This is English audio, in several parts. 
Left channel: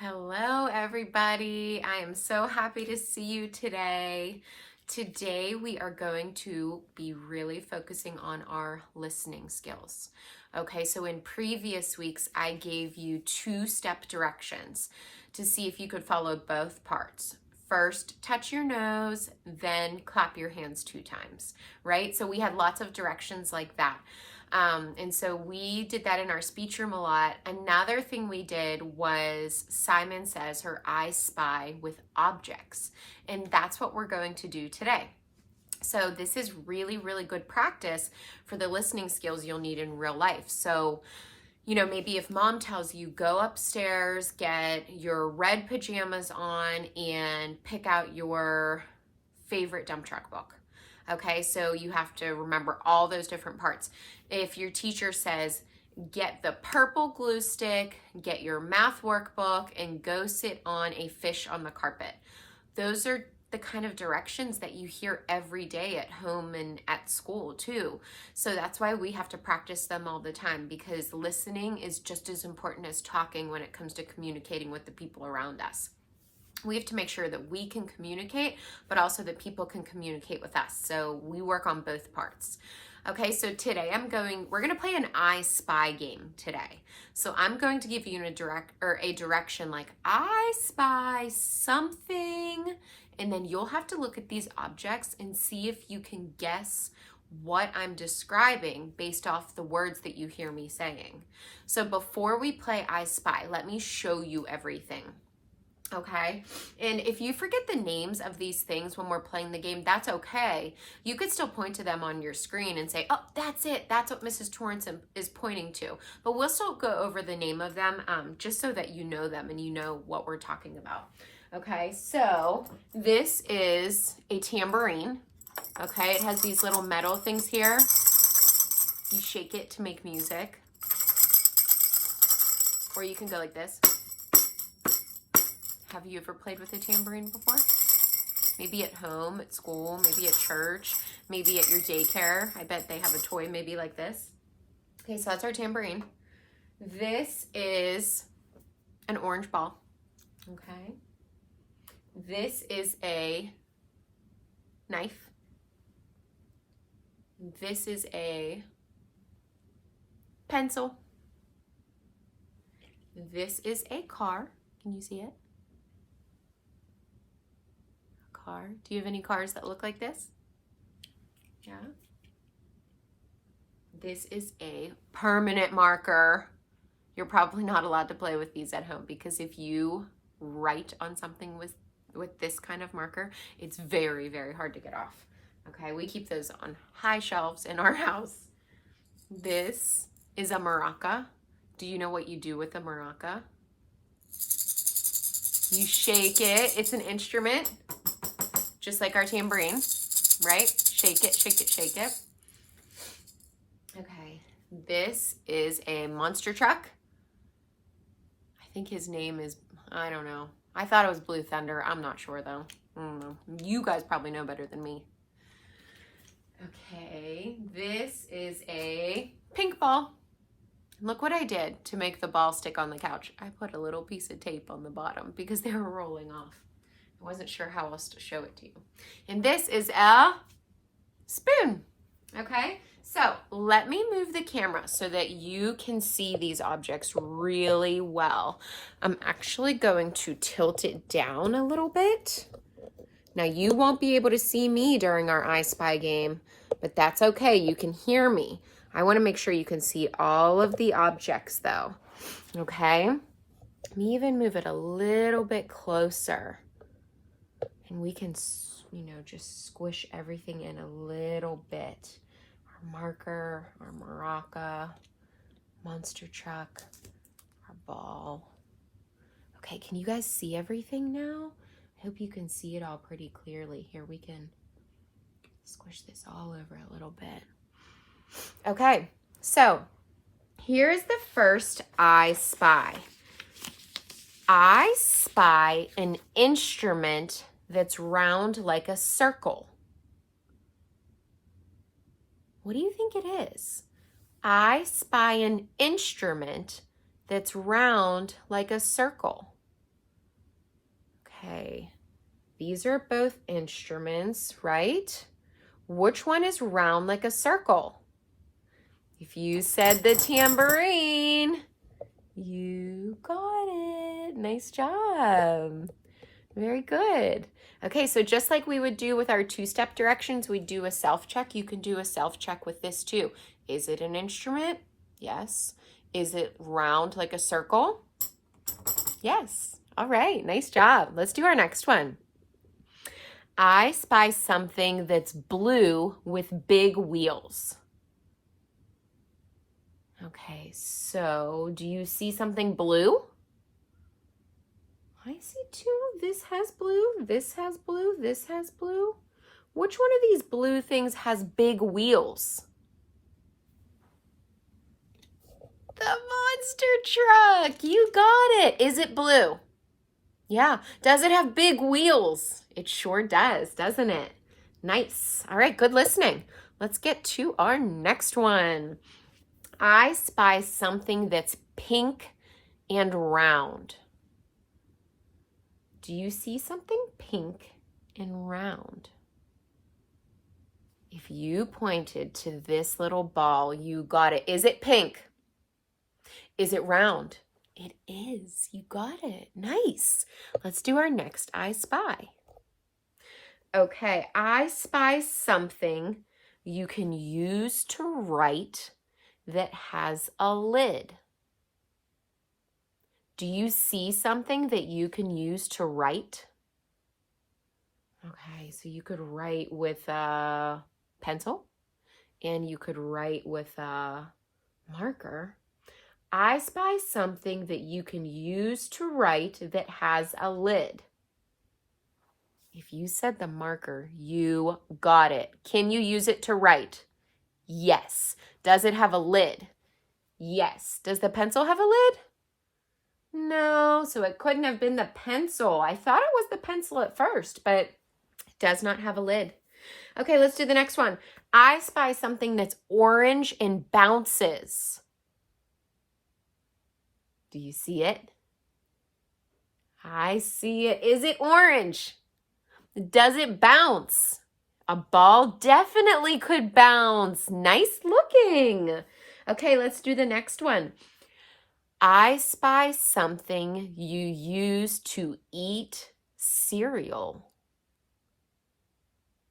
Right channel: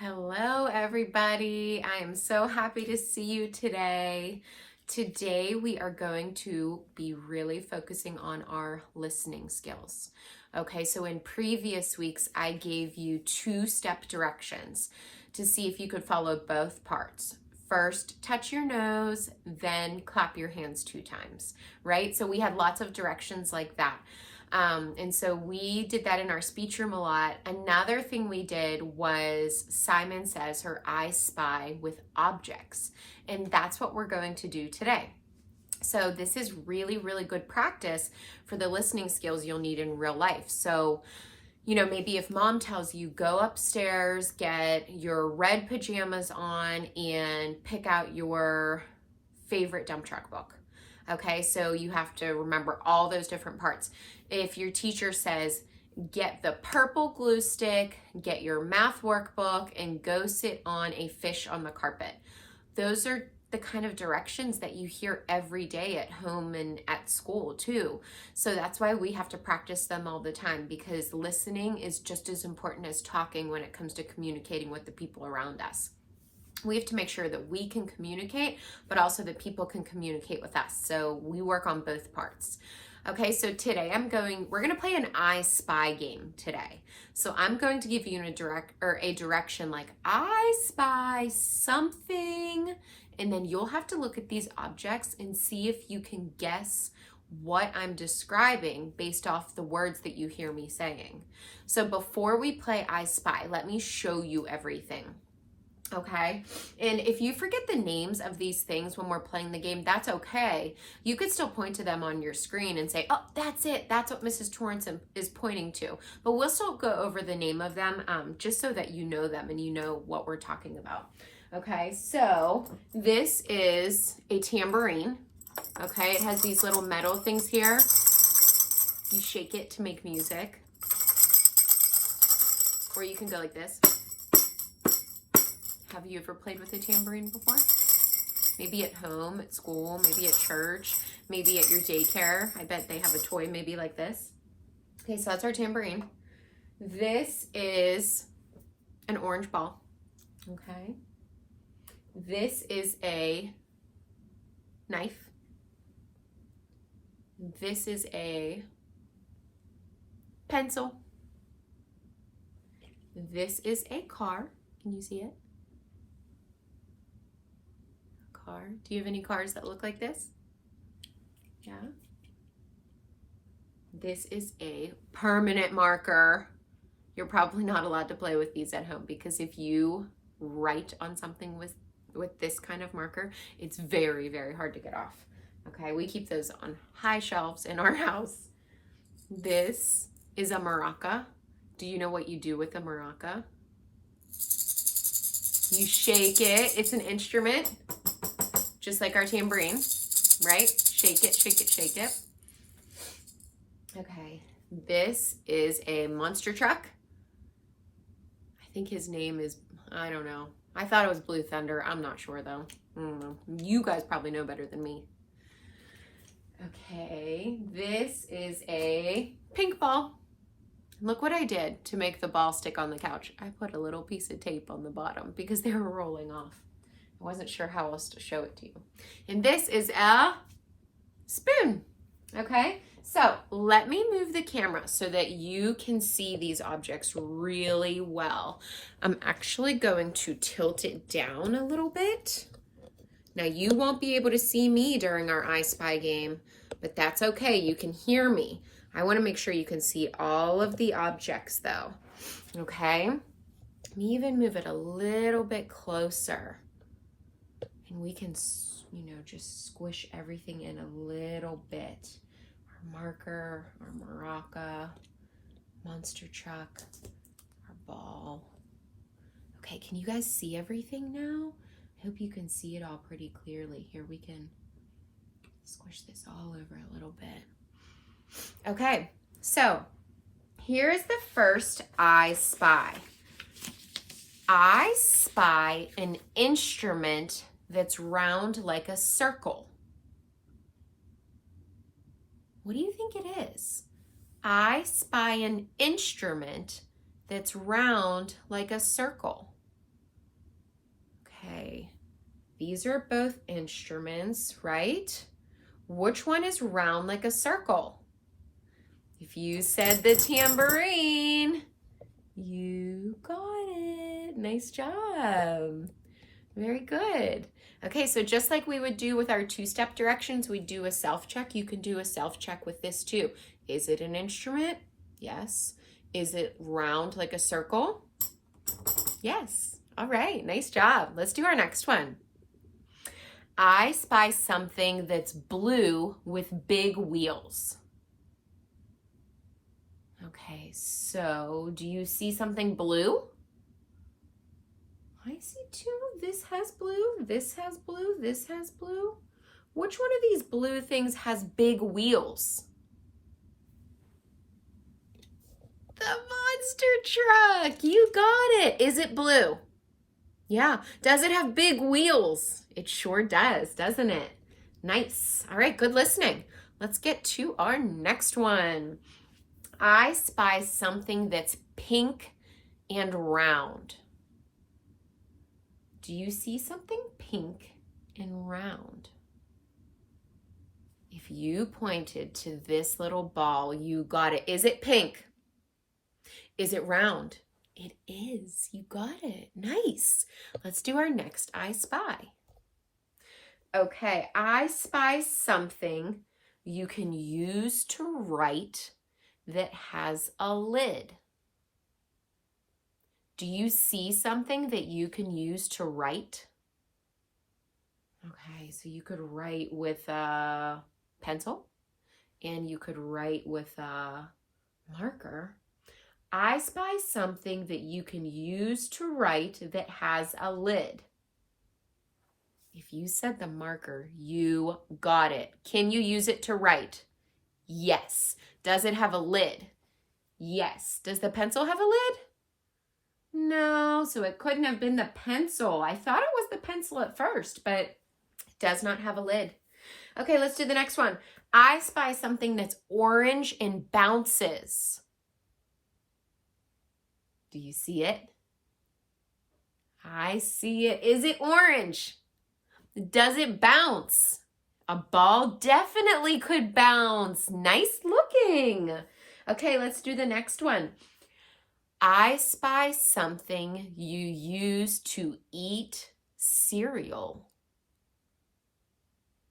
Hello, everybody. I am so happy to see you today. Today, we are going to be really focusing on our listening skills. Okay, so in previous weeks, I gave you two-step directions to see if you could follow both parts. First, touch your nose, then clap your hands 2 times, right? So we had lots of directions like that. And so we did that in our speech room a lot. Another thing we did was Simon says her eyes spy with objects. And that's what we're going to do today. So this is really, really good practice for the listening skills you'll need in real life. So, maybe if mom tells you go upstairs, get your red pajamas on, and pick out your favorite dump truck book. Okay, so you have to remember all those different parts. If your teacher says, get the purple glue stick, get your math workbook, and go sit on a fish on the carpet. Those are the kind of directions that you hear every day at home and at school too. So that's why we have to practice them all the time, because listening is just as important as talking when it comes to communicating with the people around us. We have to make sure that we can communicate, but also that people can communicate with us. So we work on both parts. Okay, so today we're gonna play an I Spy game today. So I'm going to give you a direction like I spy something, and then you'll have to look at these objects and see if you can guess what I'm describing based off the words that you hear me saying. So before we play I Spy, let me show you everything. Okay, and if you forget the names of these things when we're playing the game, that's okay. You could still point to them on your screen and say, oh, that's it. That's what Mrs. Torrance is pointing to. But we'll still go over the name of them just so that you know them and you know what we're talking about. Okay, so this is a tambourine. Okay, it has these little metal things here. You shake it to make music. Or you can go like this. Have you ever played with a tambourine before? Maybe at home, at school, maybe at church, maybe at your daycare. I bet they have a toy maybe like this. Okay, so that's our tambourine. This is an orange ball. Okay. This is a knife. This is a pencil. This is a car. Can you see it? Car. Do you have any cars that look like this? Yeah. This is a permanent marker. You're probably not allowed to play with these at home, because if you write on something with this kind of marker, it's very, very hard to get off. Okay, we keep those on high shelves in our house. This is a maraca. Do you know what you do with a maraca? You shake it. It's an instrument, just like our tambourine, right? Shake it, shake it, shake it. Okay, this is a monster truck. I think his name is, I don't know. I thought it was Blue Thunder. I'm not sure though. I don't know. You guys probably know better than me. Okay, this is a pink ball. Look what I did to make the ball stick on the couch. I put a little piece of tape on the bottom because they were rolling off. I wasn't sure how else to show it to you. And this is a spoon, okay? So let me move the camera so that you can see these objects really well. I'm actually going to tilt it down a little bit. Now you won't be able to see me during our I Spy game, but that's okay, you can hear me. I wanna make sure you can see all of the objects though, okay? Let me even move it a little bit closer. And we can, just squish everything in a little bit. Our marker, our maraca, monster truck, our ball. Okay, can you guys see everything now? I hope you can see it all pretty clearly. Here, we can squish this all over a little bit. Okay, so here's the first I Spy. I spy an instrument that's round like a circle. What do you think it is? I spy an instrument that's round like a circle. Okay, these are both instruments, right? Which one is round like a circle? If you said the tambourine, you got it. Nice job. Very good. Okay, so just like we would do with our two-step directions, we do a self-check. You can do a self-check with this too. Is it an instrument? Yes. Is it round like a circle? Yes. All right, nice job. Let's do our next one. I spy something that's blue with big wheels. Okay, so do you see something blue? I see two. This has blue, this has blue, this has blue. Which one of these blue things has big wheels? The monster truck. You got it. Is it blue? Yeah. Does it have big wheels? It sure does, doesn't it? Nice. All right, good listening. Let's get to our next one. I spy something that's pink and round. Do you see something pink and round? If you pointed to this little ball, you got it. Is it pink? Is it round? It is. You got it. Nice. Let's do our next I spy. Okay, I spy something you can use to write that has a lid. Do you see something that you can use to write? Okay, so you could write with a pencil and you could write with a marker. I spy something that you can use to write that has a lid. If you said the marker, you got it. Can you use it to write? Yes. Does it have a lid? Yes. Does the pencil have a lid? No, so it couldn't have been the pencil. I thought it was the pencil at first, but it does not have a lid. Okay, let's do the next one. I spy something that's orange and bounces. Do you see it? I see it. Is it orange? Does it bounce? A ball definitely could bounce. Nice looking. Okay, let's do the next one. I spy something you use to eat cereal.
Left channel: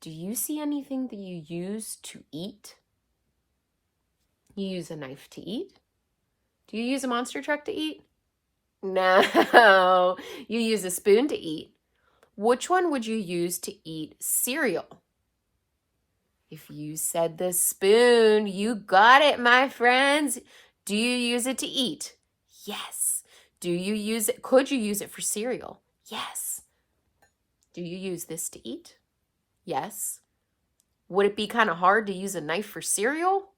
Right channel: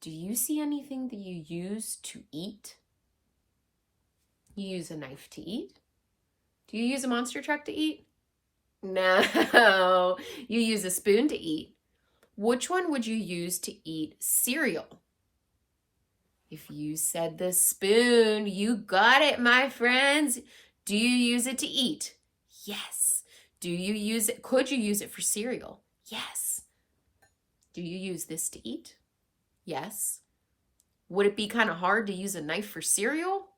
Do you see anything that you use to eat? You use a knife to eat? Do you use a monster truck to eat? No, you use a spoon to eat. Which one would you use to eat cereal? If you said the spoon, you got it, my friends. Do you use it to eat? Yes. Do you use it? Could you use it for cereal? Yes. Do you use this to eat? Yes. Would it be kind of hard to use a knife for cereal?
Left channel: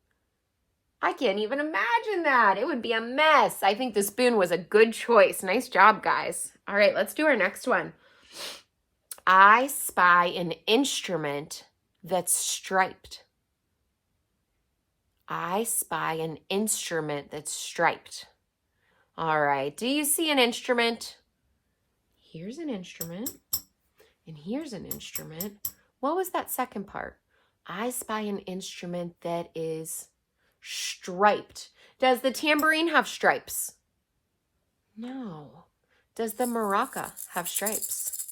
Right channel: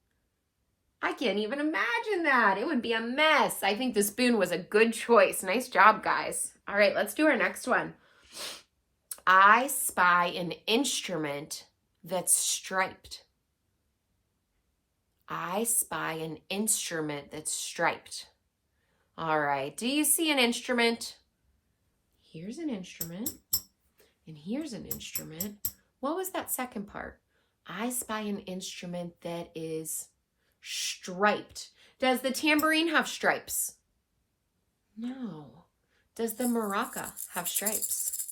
I can't even imagine that. It would be a mess. I think the spoon was a good choice. Nice job, guys. All right, let's do our next one. I spy an instrument that's striped. I spy an instrument that's striped. All right, do you see an instrument? Here's an instrument, and here's an instrument. What was that second part? I spy an instrument that is striped. Does the tambourine have stripes? No. Does the maraca have stripes?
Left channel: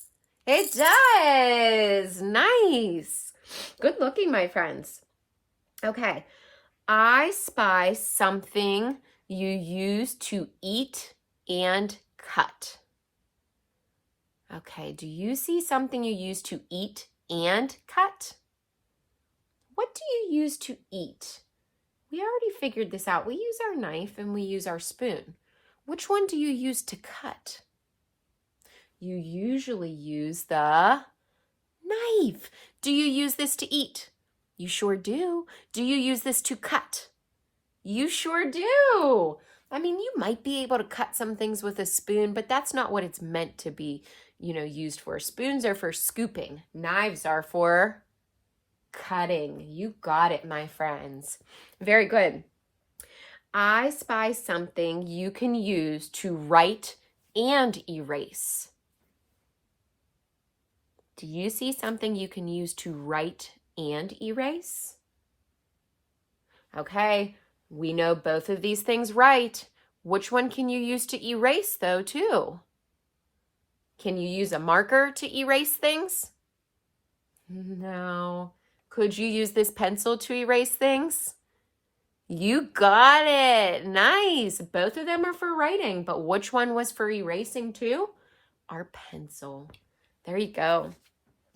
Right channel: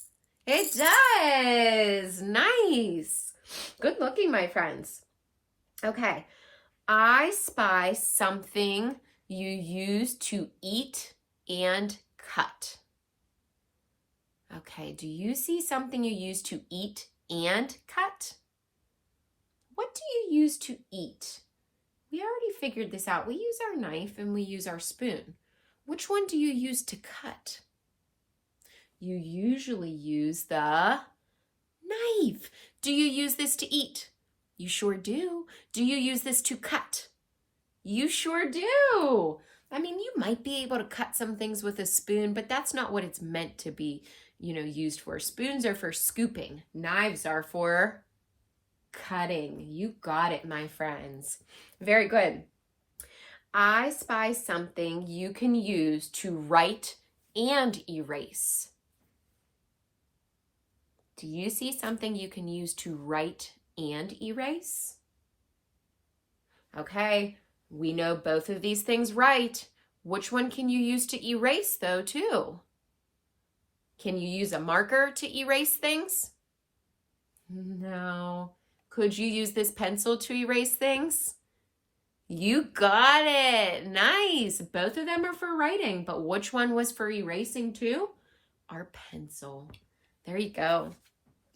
It does. Nice. Good looking, my friends. Okay. I spy something you use to eat and cut. Okay. Do you see something you use to eat and cut? What do you use to eat? We already figured this out. We use our knife and we use our spoon. Which one do you use to cut? You usually use the knife. Do you use this to eat? You sure do. Do you use this to cut? You sure do. I mean, you might be able to cut some things with a spoon, but that's not what it's meant to be, used for. Spoons are for scooping. Knives are for cutting. You got it, my friends. Very good. I spy something you can use to write and erase. Do you see something you can use to write and erase? Okay, we know both of these things right. Which one can you use to erase though too? Can you use a marker to erase things? No. Could you use this pencil to erase things? You got it. Nice. Both of them are for writing, but which one was for erasing too? Our pencil. There you go.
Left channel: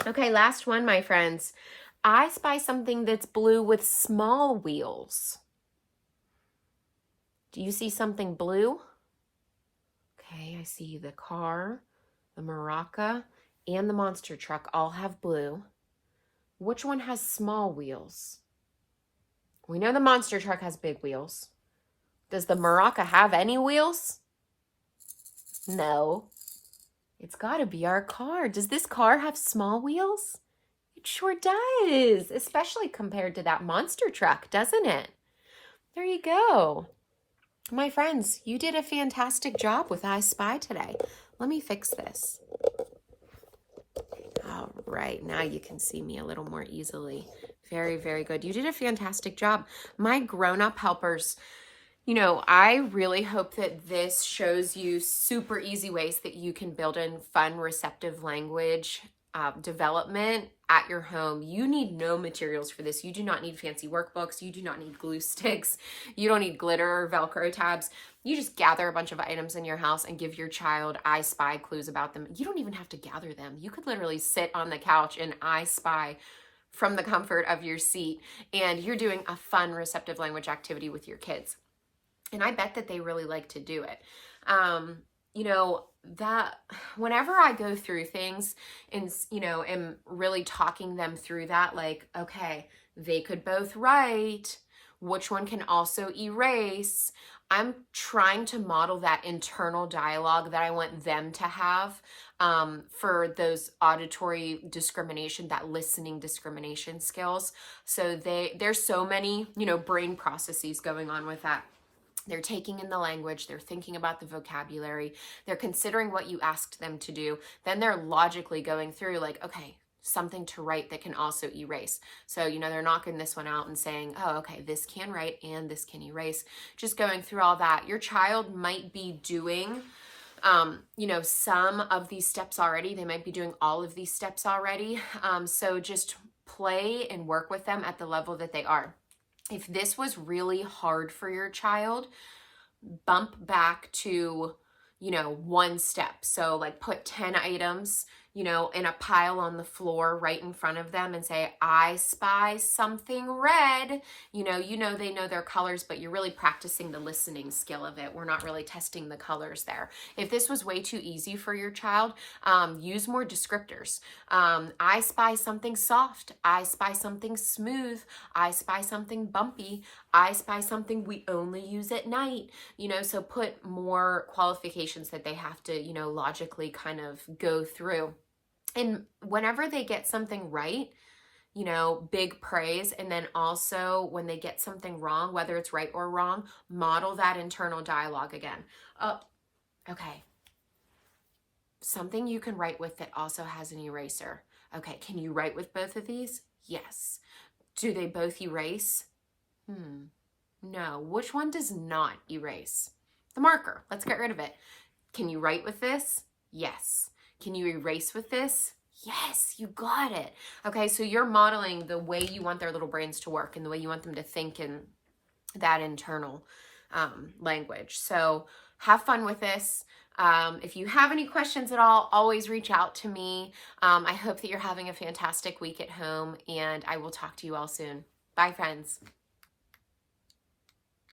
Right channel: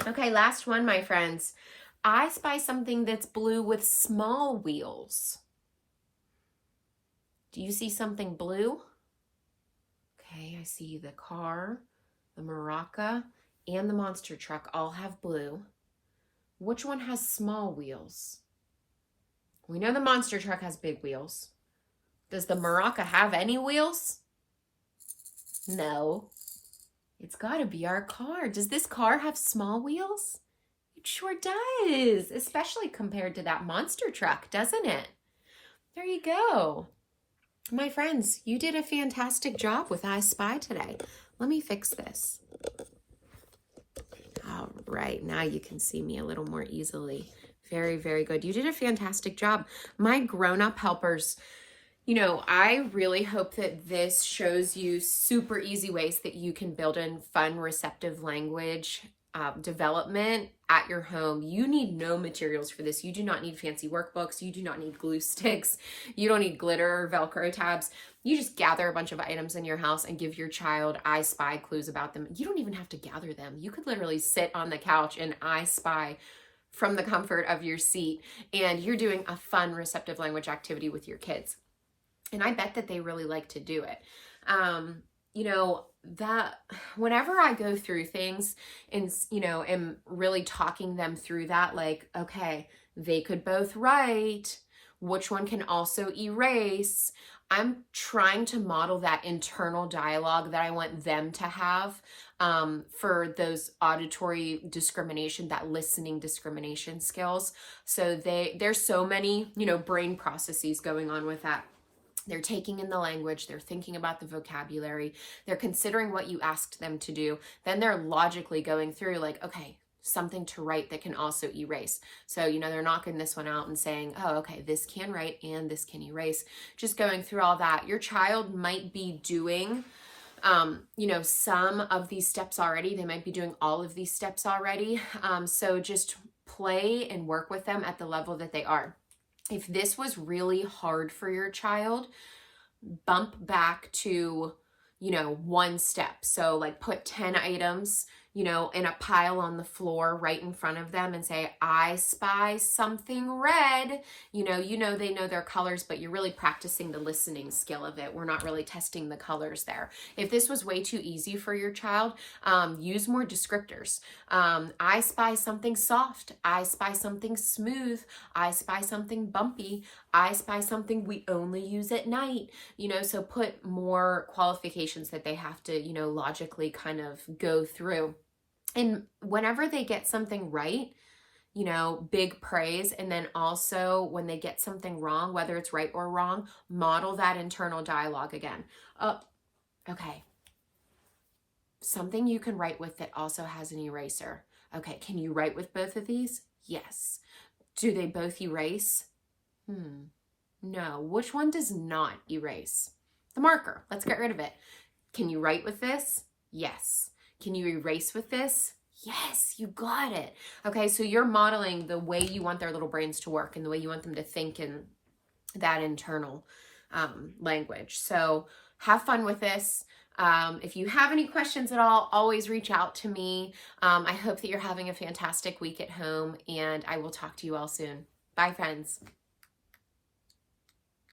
Okay, last one, my friends. I spy something that's blue with small wheels. Do you see something blue? Okay, I see the car, the maraca, and the monster truck all have blue. Which one has small wheels? We know the monster truck has big wheels. Does the maraca have any wheels? No. It's got to be our car. Does this car have small wheels? It sure does, especially compared to that monster truck, doesn't it? There you go. My friends, you did a fantastic job with I Spy today. Let me fix this. All right, now you can see me a little more easily. Very, very good. You did a fantastic job. My grown-up helpers, you know, I really hope that this shows you super easy ways that you can build in fun, receptive language development at your home. You need no materials for this. You do not need fancy workbooks. You do not need glue sticks. You don't need glitter or Velcro tabs. You just gather a bunch of items in your house and give your child I Spy clues about them. You don't even have to gather them. You could literally sit on the couch and I Spy from the comfort of your seat, and you're doing a fun, receptive language activity with your kids. And I bet that they really like to do it. You know, that whenever I go through things and, you know, am really talking them through that, like, okay, they could both write, which one can also erase? I'm trying to model that internal dialogue that I want them to have for those auditory discrimination, that listening discrimination skills. So there's so many, you know, brain processes going on with that. They're taking in the language, they're thinking about the vocabulary, they're considering what you asked them to do. Then they're logically going through like, okay, something to write that can also erase. So, you know, they're knocking this one out and saying, oh, okay, this can write and this can erase. Just going through all that. Your child might be doing, you know, some of these steps already. They might be doing all of these steps already. So just play and work with them at the level that they are. If this was really hard for your child, bump back to, you know, one step. So like put 10 items, you know, in a pile on the floor right in front of them and say, I spy something red. You know, they know their colors, but you're really practicing the listening skill of it. We're not really testing the colors there. If this was way too easy for your child, use more descriptors. I spy something soft. I spy something smooth. I spy something bumpy. I spy something we only use at night. You know, so put more qualifications that they have to, you know, logically kind of go through. And whenever they get something right, you know, big praise. And then also when they get something wrong, whether it's right or wrong, model that internal dialogue again. Okay. Something you can write with that also has an eraser. Okay, can you write with both of these? Yes. Do they both erase? No. Which one does not erase? The marker. Let's get rid of it. Can you write with this? Yes. Can you erase with this? Yes, you got it. Okay, so you're modeling the way you want their little brains to work and the way you want them to think in that internal language. So have fun with this. If you have any questions at all, always reach out to me. I hope that you're having a fantastic week at home, and I will talk to you all soon. Bye, friends.